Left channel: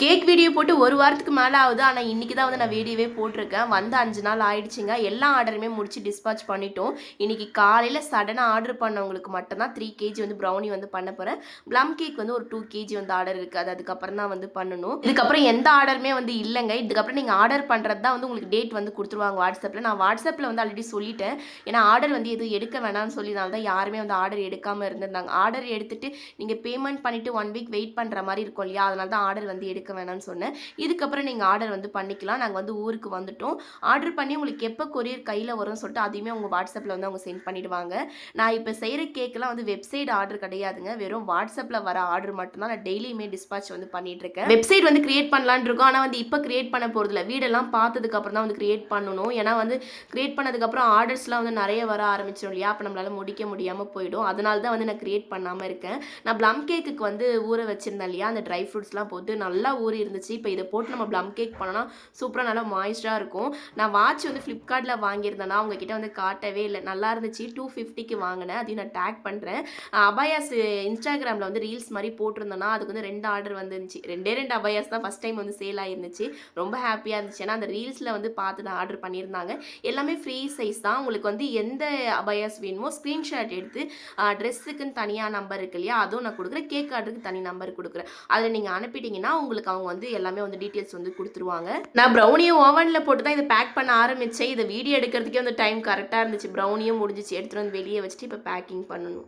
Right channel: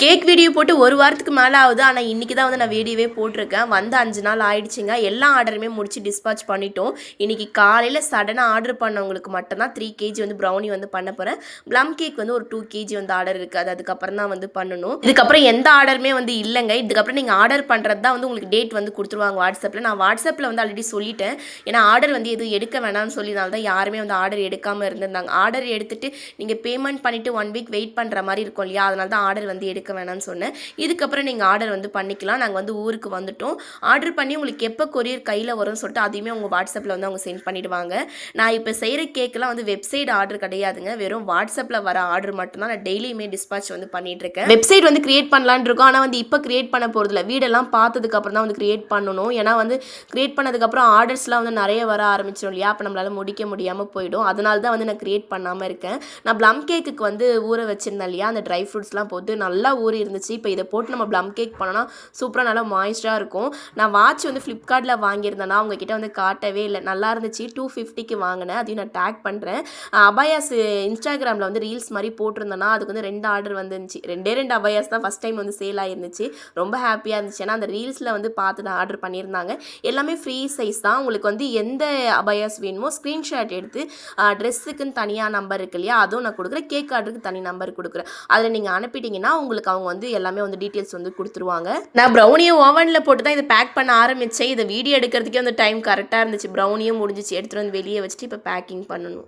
Cake video போட்டு ஒரு வாரத்துக்கு மேலே ஆகுது. ஆனால் இன்றைக்கி தான் வந்து நான் வீடியோவே போட்டிருக்கேன். வந்து 5 நாள் ஆயிடுச்சுங்க. எல்லா ஆர்டருமே முடிச்சு டிஸ்பாச் பண்ணிட்டோம். இன்றைக்கி காலையில் சடனாக ஆர்டர் பண்ணவங்களுக்கு மட்டும்தான் 3 கேஜி வந்து ப்ரௌனி வந்து பண்ண போகிறேன். ப்ளம் கேக் வந்து ஒரு 2 கேஜி வந்து ஆர்டர் இருக்குது. அதுக்கப்புறம் தான் வந்து பண்ணணும். இதுக்கப்புறம் எந்த ஆர்டருமே வந்து இல்லைங்க. இதுக்கப்புறம் நீங்கள் ஆர்டர் பண்ணுறது தான் வந்து உங்களுக்கு டேட் வந்து கொடுத்துருவாங்க வாட்ஸ்அப்பில். நான் வாட்ஸ்அப்பில் வந்து ஆல்ரெடி சொல்லிட்டேன். ஏன்னா ஆர்டர் வந்து எதுவும் எடுக்க வேணாம்னு சொல்லினால தான் யாருமே வந்து ஆர்டர் எடுக்காமல் இருந்திருந்தாங்க. ஆர்டர் எடுத்துகிட்டு நீங்கள் பேமெண்ட் பண்ணிவிட்டு 1 வீக் வெயிட் பண்ணுற மாதிரி இருக்கும் இல்லையா, அதனால தான் ஆர்டர் வந்து எடுக்க வேணாம்னு சொன்னேன். இதுக்கப்புறம் நீங்கள் ஆர்டர் வந்து பண்ணிக்கலாம். நாங்கள் வந்து ஊருக்கு வந்துட்டோம். ஆர்டர் பண்ணி உங்களுக்கு எப்போ கொரியர் கையில் வரும்னு சொல்லிட்டு அதையுமே உங்கள் வாட்ஸ்அப்பில் வந்து அவங்க சென்ட் பண்ணிவிடுவாங்க. நான் இப்போ செய்கிற கேக்கெலாம் வந்து வெப்சைட் ஆர்டர் கிடையாதுங்க. வெறும் வாட்ஸ்அப்பில் வர ஆர்டர் மட்டும்தான் நான் டெய்லியுமே டிஸ்பாச் வந்து பண்ணிகிட்ருக்கேன். வெப்சைட் வந்து கிரியேட் பண்ணலான்னு இருக்கோம். ஆனால் வந்து இப்போ கிரியேட் பண்ண போகிறதில்ல. வீடெல்லாம் பார்த்ததுக்கப்புறம் தான் வந்து கிரியேட் பண்ணணும். ஏன்னா வந்து கிரியேட் பண்ணதுக்கப்புறம் ஆர்டர்ஸ்லாம் வந்து நிறைய வர ஆரம்பிச்சிடும் இல்லையா, அப்போ நம்மளால் முடிக்க முடியாமல் போயிடும். அதனால தான் வந்து நான் கிரியேட் பண்ணாமல் இருக்கேன். நான் ப்ளம் கேக்குக்கு வந்து ஊற வச்சுருந்தேன் இல்லையா, அந்த ட்ரை ஃப்ரூட்ஸ்லாம் போட்டு நல்லா ஊறி இருந்துச்சு. இப்போ இதை போட்டு நம்ம ப்ளம் கேக் பண்ணோன்னா சூப்பராக நல்லா மாய்ஸ்டாக இருக்கும். நான் வாட்ச் வந்து ஃப்ளிப்கார்ட்டில் வாங்கியிருந்தேன்னா அவங்கக்கிட்ட வந்து காட்டவே இல்லை. நல்லா இருந்துச்சு. 250க்கு வாங்கினேன். அதையும் நான் டேக் பண்ணுறேன். அபாயாஸ் இன்ஸ்டாகிராமில் வந்து ரீல்ஸ் மாதிரி போட்டிருந்தேன்னா அதுக்கு வந்து 2 ஆர்டர் வந்துருந்துச்சு. 2 அபாயாஸ் தான் ஃபஸ்ட் டைம் வந்து சேல் ஆகிருந்துச்சு. ரொம்ப ஹாப்பியாக இருந்துச்சு. ஏன்னா அந்த ரீல்ஸில் வந்து பார்த்து தான் ஆர்டர் பண்ணியிருந்தாங்க. எல்லாமே ஃப்ரீ சைஸ் தான். உங்களுக்கு வந்து எந்த அபாயாஸ் வேணுமோ ஸ்க்ரீன்ஷாட் எடுத்து ட்ரெஸ்ஸுக்குன்னு தனியாக நம்பர் இருக்கு இல்லையா, அதுவும் நான் கொடுக்குறேன். கேக் ஆர்டருக்கு தனி நம்பர் கொடுக்குறேன். அதில் நீங்கள் அனுப்பிட்டீங்கன்னா உங்களுக்கு அவங்க வந்து எல்லாமே வந்து டீட்டெயில்ஸ் வந்து கொடுத்துருவாங்க. நான் ப்ரௌனியும் ஓவனில் போட்டு தான் இதை பேக் பண்ண ஆரம்பித்தேன். இதை வீடியோ எடுக்கிறதுக்கே வந்து டைம் கரெக்டாக இருந்துச்சு. ப்ரௌனியும் முடிஞ்சிச்சு. எடுத்துகிட்டு வந்து வெளியே வச்சுட்டு இப்போ பேக்கிங் பண்ணணும்.